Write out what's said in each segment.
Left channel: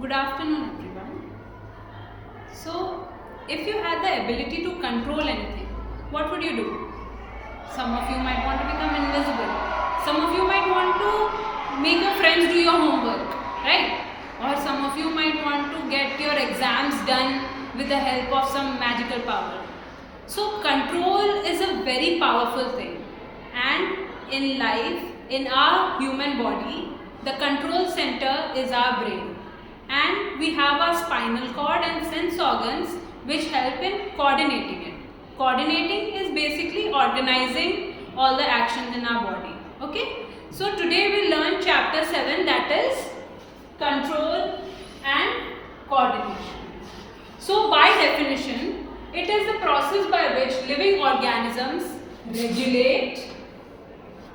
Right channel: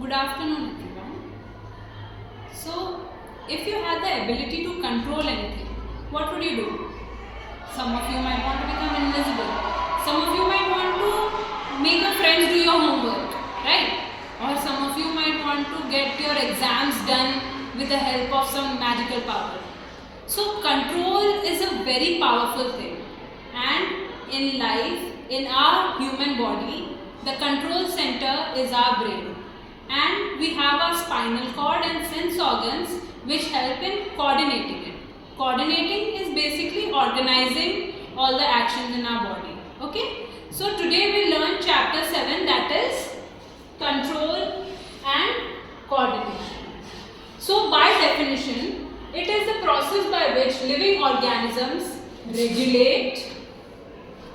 Good afternoon, everyone. So, if you had the ability to control anything, what would you do? Some of you might want to become invisible. Some of you might want to make your friends do your homework, right? Or some of you might want to get your exams done with the help of some magical power. So, control is a very powerful thing. And in life, in our human body, the control center is our brain. And we have our spinal cord and sense organs which help in coordinating it. Coordinating is basically organizing all the actions in our body. Okay? So today we learn chapter 7, that is control and coordination. So by definition, it is the process by which living organisms regulate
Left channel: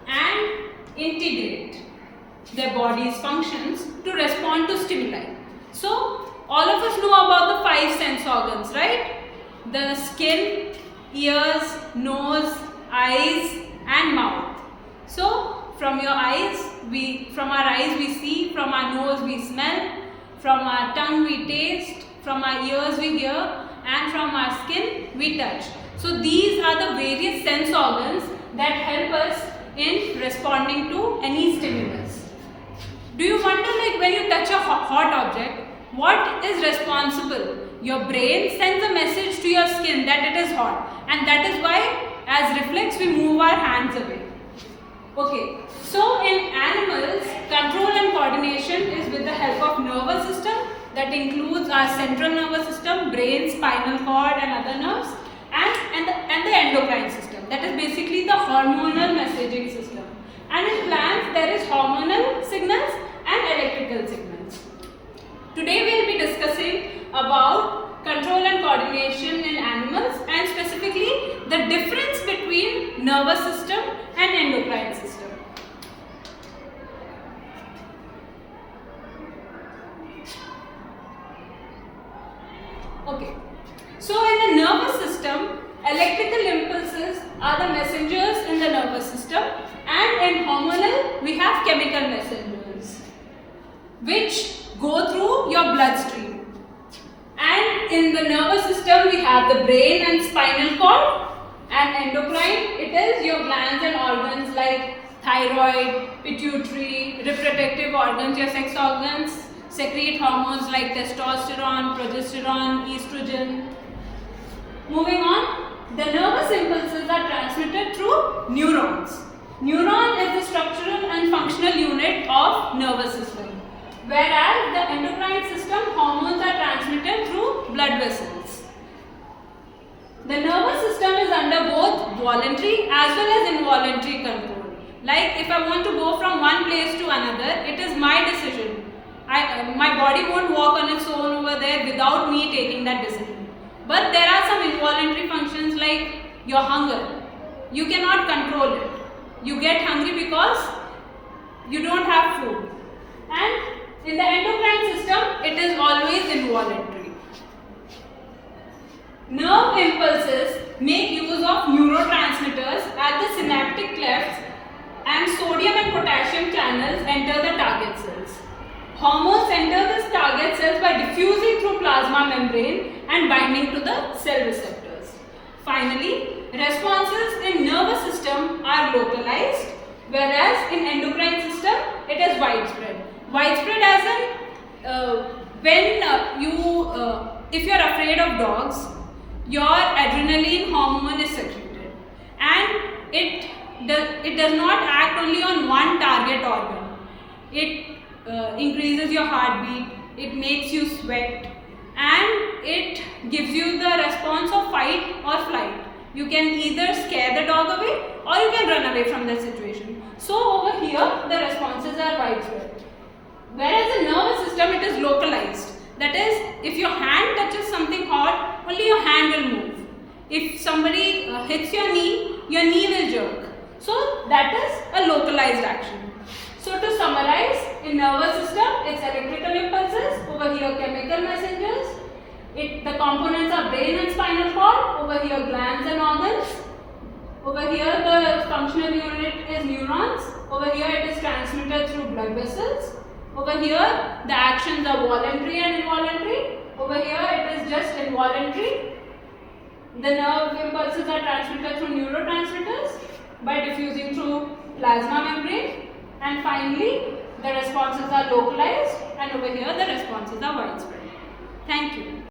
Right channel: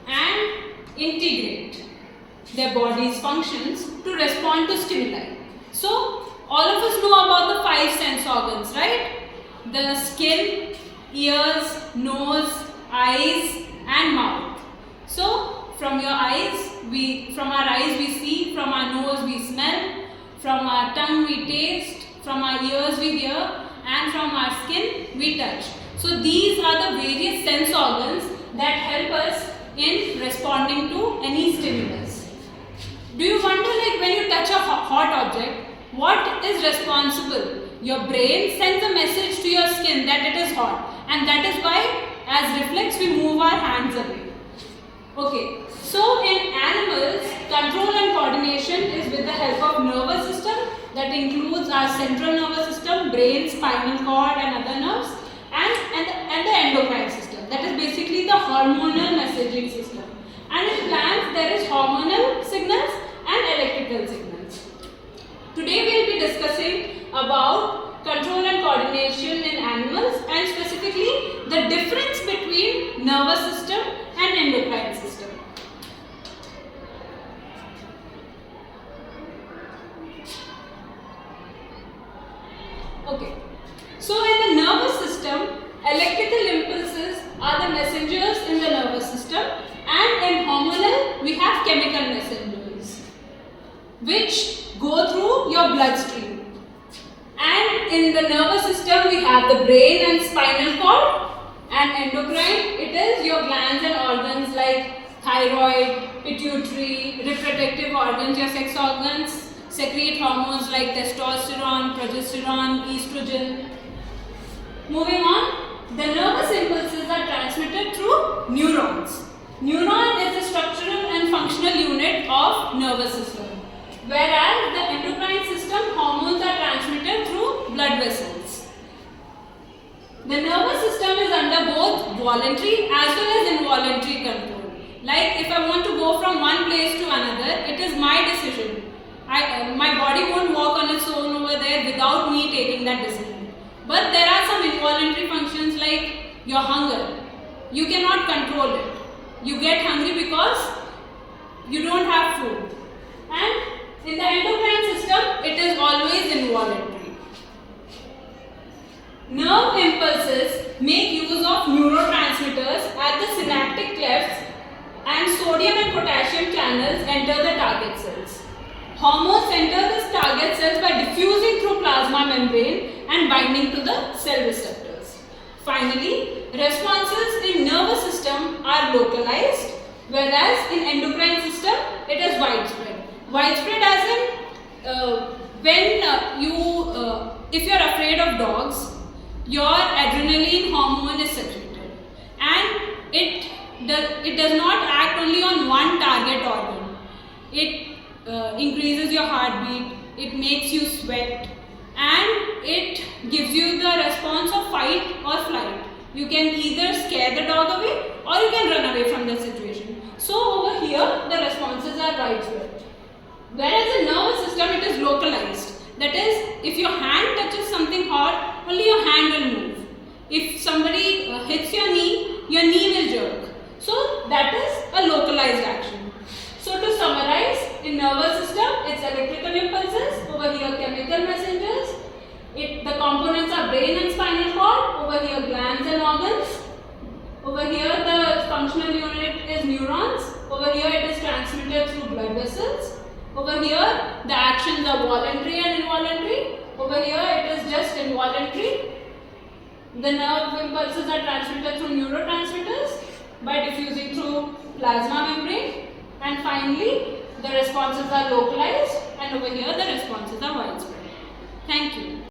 and integrate their body's functions to respond to stimuli. So, all of us know about the 5 sense organs, right? The skin, ears, nose, eyes and mouth. So, from our eyes we see, from our nose we smell, from our tongue we taste, from our ears we hear and from our skin we touch. So, these are the various sense organs that help us in responding to any stimulus. Do you wonder, like, when you touch a hot object, what is responsible? Your brain sends a message to your skin that it is hot, and that is why as reflex we move our hands away. Okay, so in animals, control and coordination is with the help of nervous system, that includes our central nervous system, brain, spinal cord and other nerves, and the endocrine system, that is basically the hormonal messaging system. And in plants there is hormonal signals and electrical signals. Today we will be discussing about control and coordination in animals, and specifically the difference between nervous system and endocrine system. Okay, so in the nervous system, electrical impulses are the messengers in the nervous system, and in hormonal we have chemical messengers which go through your bloodstream. And in the nervous system we have the brain and spinal cord, and endocrine, it is your glands and organs like thyroid, pituitary, reproductive organs, your sex organs secrete hormones like testosterone, progesterone, estrogen. Moving on, the nervous impulses are transmitted through neurons. Neuron is the structural and functional unit of nervous system, whereas the endocrine system, hormones are transmitted through blood vessels. The nervous system is under both voluntary as well as involuntary control. Like if I want to go from one place to another, it is my decision. My body won't walk on its own over there without me taking that decision. But there are some involuntary functions like your hunger. You cannot control it. You get hungry because you don't have food. And in the endocrine system, it is always involuntary. Nerve impulses make use of neurotransmitters at the synaptic clefts, and sodium and potassium channels enter the target cells. Hormones enter the target cells by diffusing through plasma membrane and binding to the cell receptors. Finally, responses in nervous system are localized, whereas in endocrine system, it is widespread. Widespread as in if you are afraid of dogs, your adrenaline hormone is secreted, and it does not act only on one target organ. It increases your heartbeat, it makes you sweat, and it gives you the response of fight or flight. You can either scare the dog away or you can run away from the situation. So over here the responses are widespread. Whereas in nervous system it is localized. That is, if your hand touches something hot, only your hand will move. If somebody hits your knee will jerk. So that is a localized action. So to summarize, in nervous system, it's electrical impulses, over here chemical messengers. The components are brain and spinal cord, over here glands and organs. Over here the functional unit is neurons, over here it is transmitted through blood vessels. Over here, the actions are voluntary and involuntary. Over here, it is just involuntary. The nerve impulses are transmitted through neurotransmitters by diffusing through plasma membrane. And finally, the responses are localized, and over here the responses are widespread. Thank you.